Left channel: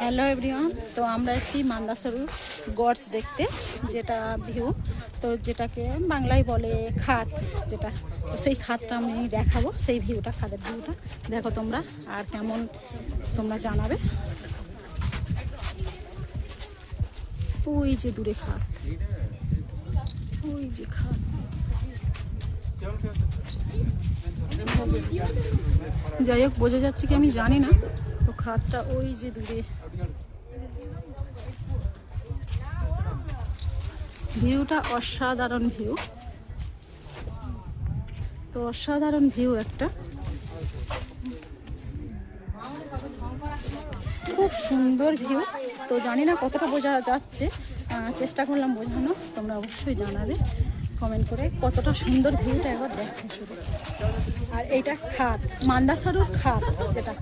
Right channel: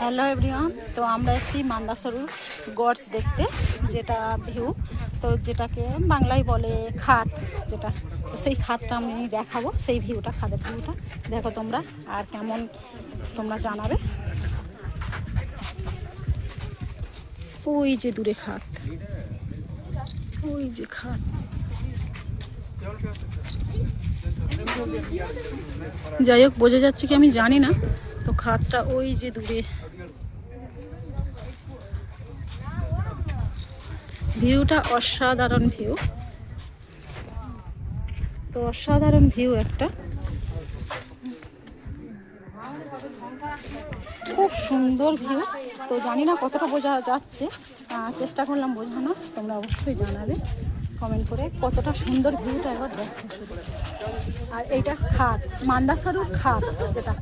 Hello everyone, তো আমরা এসেছি মান্দাসরুর গডস দেখতে, যেটা ভিউ, তো যেটাকে বাংলায় বলে খাত, যেটা তো সেই খাতটা আমি দেখাবো, সেই ভিউটা, খাদের ভিউটা দেখো তোমরা, আর কেমন তোমরা জানাবে। ওই যে দূরে খাত, ওই যে খাত, যাই হোক বোঝা যাচ্ছে কি আমি জানি না, তো খাতটা ওই যে দূরে। ভিউটা অসাধারণ ভিউ, তো অসাধারণ ভিউ একটা, খুব সুন্দর ভিউ। তো জানি না কতটা বোঝা যাচ্ছে, চেষ্টা করলাম বোঝানোর, তোমরা অবশ্যই জানাবে কমেন্ট করে কতটা সুন্দর ভিউটা একবার দেখো শুধু। আর এইটা খাত, মান্দাসরুর খাত যেটা।